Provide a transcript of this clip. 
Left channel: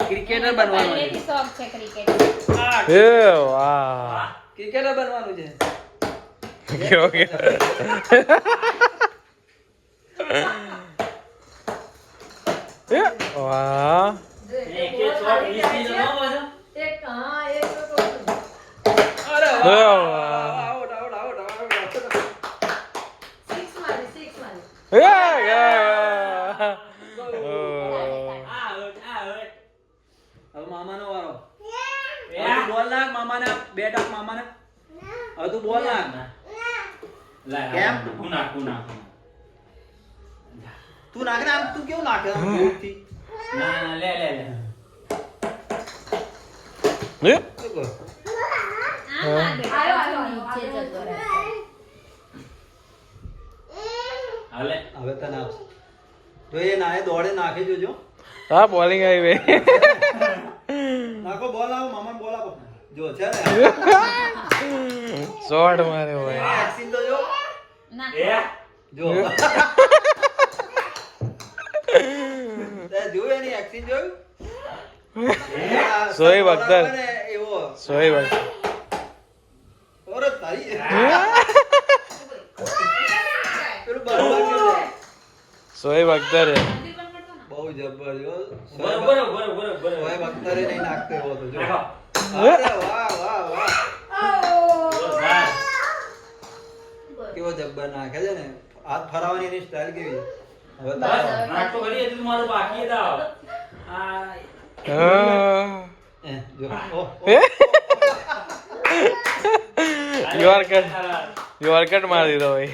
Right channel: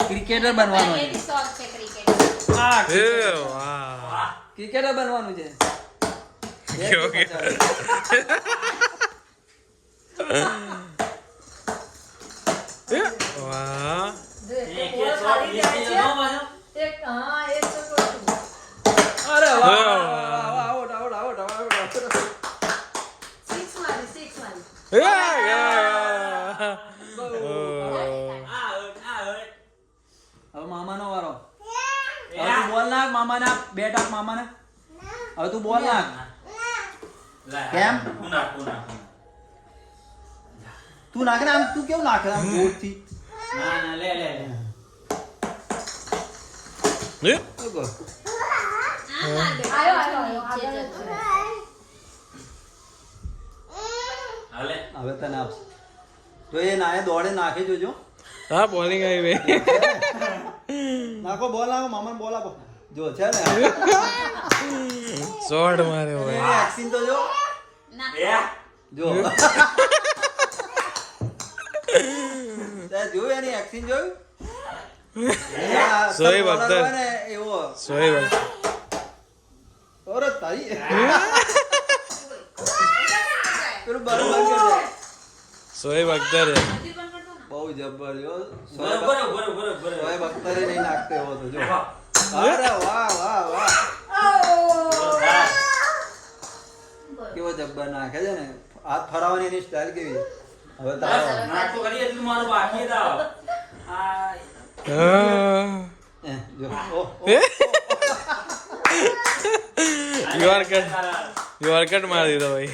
cricketer બનવાનું એ વાહ cricketer બનવાનું છે કેવો કે વાહ મામાનો વારો બોલ નાખ મામાના બેટ આપ મામાને હવે તું બોલ નાખ કેમ તું નાખે ને આમ તું કેવું નાખે જોરથી લે હવે તને આપશે જો એ નાને દોડે નાખે જોજો હા બોલિંગ આવી બે નાખો બોલ નાખો મામાને બોલ આપો જો છે ને શોર્ટ મારે ભાઈ એક્શન તો જો જો તે જોયું એની એક્શન જોયું સોએબ અખ્તર એવો સોએબ અખ્તર ઓરે તારી પેલું બરાબર સોએબ અખ્તર બહુ જબર સોએબ અખ્તર નહીં નાખતો એવો તો જો વાહ વાહ વાહ કેવો જબ્બર નાખે છે ને હાથ ફરાવાની એની સ્ટાઇલ કેવી છે હવે નાખતો કરી એટલું મારું બાકી હતા યોરકટ મારી દીધો ભાઈ